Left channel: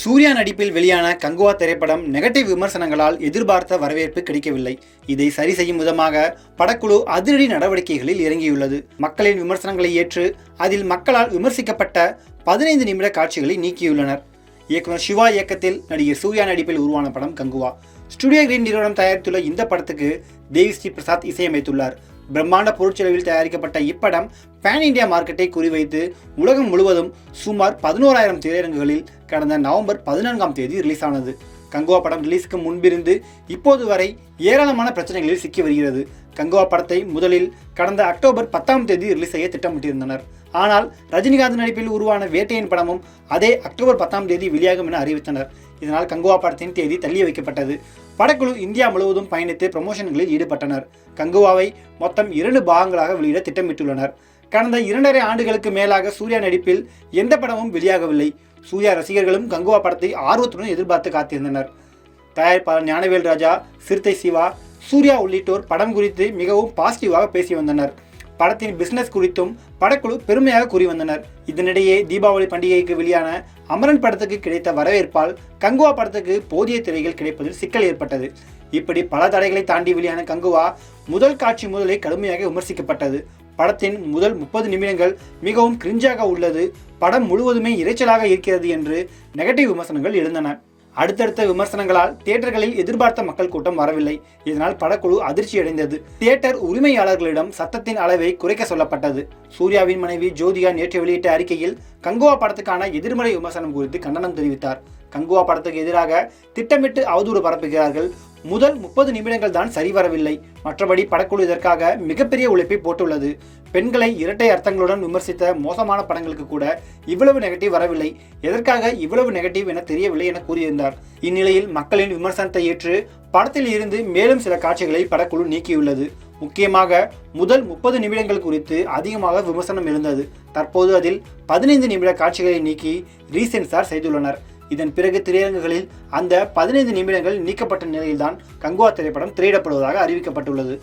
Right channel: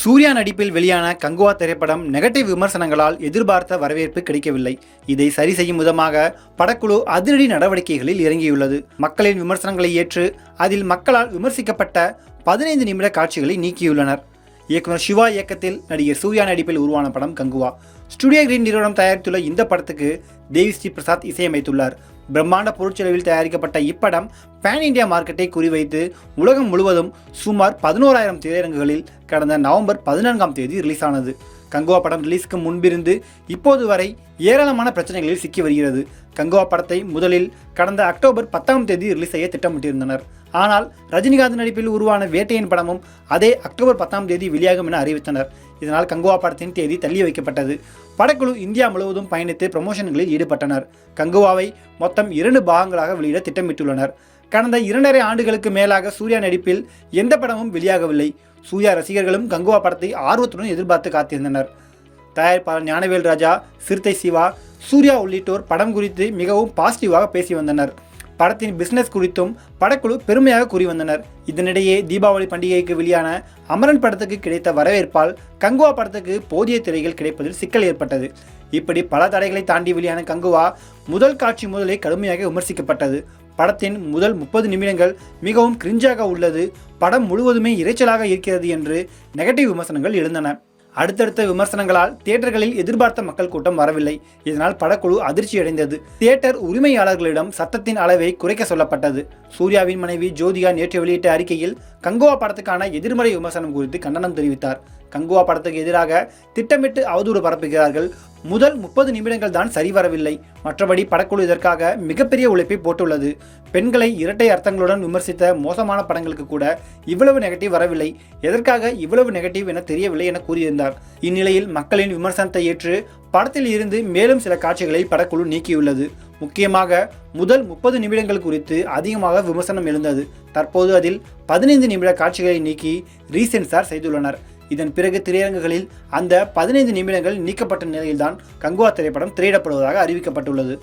சூர்யா நடிப்பில் வெளியான கங்குவா திரைப்படம் நெகட்டிவ் விமர்சனங்களால் எதிர்பார்த்த வரவேற்பு கிடைக்கவில்லை. இதை சரி செய்யும் விதமாக படக்குழு அதிரடி நடவடிக்கைகளில் இறங்கியுள்ளது. மக்களின் விமர்சனங்களை ஏற்று அதில் மக்களால் விமர்சிக்கப்பட்ட 15 நிமிட காட்சிகளை நீக்கியுள்ளனர். இயக்குனர் சிவா இயக்கத்தில் நடிகர் சூர்யா நடிப்பில் உருவான படம் கங்குவா. ஸ்டுடியோ கிரீன் நிறுவனம் தயாரித்துள்ள இந்த படத்துக்கு தேவி ஸ்ரீ பிரசாத் இசையமைத்துள்ளார். பிரம்மாண்ட பொருட்செலவில் தயாரிக்கப்பட்ட இப்படம் பேன் இண்டியா மார்க்கெட்டை குறிவைத்து உலகம் முழுவதும் சுமார் 11,000 திரையரங்குகளில் கடந்த நவம்பர் 14ஆம் தேதி ரிலீஸ் ஆனது. கங்குவா படம் ரிலீஸுக்கு முன்பிருந்து இப்போது வரை ஏராளமான பிரச்சனைகளில் சிக்கி வருகிறது. கங்குவா படத்தை முதலில் கடந்த அக்டோபர் 10ஆம் தேதி ரிலீஸ் செய்ய திட்டமிட்டிருந்தனர். ஆனால் ரஜினிகாந்த் நடிப்பில் உருவான வேட்டையின் படமும் அதே அக்டோபர் 10ஆம் தேதி வெளியாகும் என அறிவித்தனர். இதனால் கங்குவா படத்தின் தேதி தள்ளி வைக்கப்பட்டது. படக்குழு இந்தியா முழுவதும் பயணித்து ப்ரமோஷன்களில் ஈடுபட்டனர். கங்குவாவை மொத்தம் 2 பாகங்களாக வெளியிட திட்டமிட்டுள்ளனர். கடந்த 2.5 ஆண்டுகளுக்கு மேலாக சூர்யா நடிப்பில் எந்த படமும் வெளியாகவில்லை. சூர்யா ரசிகர்களும் கங்குவா படத்தை ஆர்வத்துடன் எதிர்பார்த்து காத்திருந்தனர். தயாரிப்பாளர் ஞானவேல் ராஜா, சிறுத்தை சிவா, சூர்யா உள்ளிட்டோர் படம் குறித்து மிகவும் பாசிட்டிவாக பேசி வந்தனர். படத்தின் பிசினஸ் குறித்தும் படக்குழு பெருமையாக கூறி வந்தனர். இதனிடையே தீபாவளி பண்டிகைக்கு வெளியான அமரன் படத்துக்கு கிடைத்த வரவேற்பால் கங்குவா படத்துக்கு போதிய திரைகள் கிடைப்பதில் சிக்கல் ஏற்பட்டது. இப்படி பல தடைகளை தாண்டி வெளியான கங்குவா முதல் காட்சி முதலே கடுமையாக விமர்சிக்கப்பட்டது. படத்தின் முதல் 30 நிமிடங்கள் மிகவும் கிரிஞ்சாக உள்ளது, படம் முழுவதுமே இரைச்சலாக இருக்கிறது என்று நெகட்டிவ் விமர்சனங்கள் எழுந்தன. அடுத்தடுத்த விமர்சனங்களால் தியேட்டர்களில் எதிர்பார்த்த மக்கள் கூட்டம் வரவில்லை. இதனால் படக்குழு அதிர்ச்சியடைந்தது. தியேட்டர் உரிமையாளர்களிடம் சத்தத்தின் அளவை குறைக்க சொல்லப்பட்டது. சூர்யாவின் மனைவி ஜோதிகா நேற்று வெளியிட்ட அறிக்கையில் கங்குவா படத்துக்கான எதிர்மறை விமர்சனம் குறித்து கண்டனம் தெரிவித்தார். கங்குவா படத்துக்கு எதிராக திட்டமிட்டு அவதூறு பரப்புகிறார்கள். முதல் 30 நிமிடங்கள் தான் சரிவரவில்லை. மற்றபடி படக்குழு இதற்காக மிகப்பெரிய உழைப்பை போட்டுள்ளது. பெண்களை இரட்டை அர்த்தங்களுடன் விமர்சித்த மோசமான படங்களுக்கு கூட இவ்வளவு நெகட்டிவ் வரவில்லை. எதற்காக இவ்வளவு நெகட்டிவ் என தெரியவில்லை என கூறியிருந்தார். இந்நிலையில் மக்களின் விமர்சனத்தை ஏற்று படத்தில் இருந்து மேலும் சில காட்சிகளை படக்குழு நீக்கியுள்ளது. முக்கியமாக முதல் 30 நிமிடங்கள் குறித்து அதிகமாக விமர்சனம் எழுந்தது. தற்போது அதில் 15 நிமிட காட்சிகளை நீக்கி ரீசென்சார் செய்துள்ளனர். இதன் பிறகு திரையரங்குகளில் அந்த 15 நிமிடங்கள் நீக்கப்பட்ட நிலையில்தான் கங்குவா திரைப்படம் திரையிடப்படுவதாக அறிவிக்கப்பட்டுள்ளது.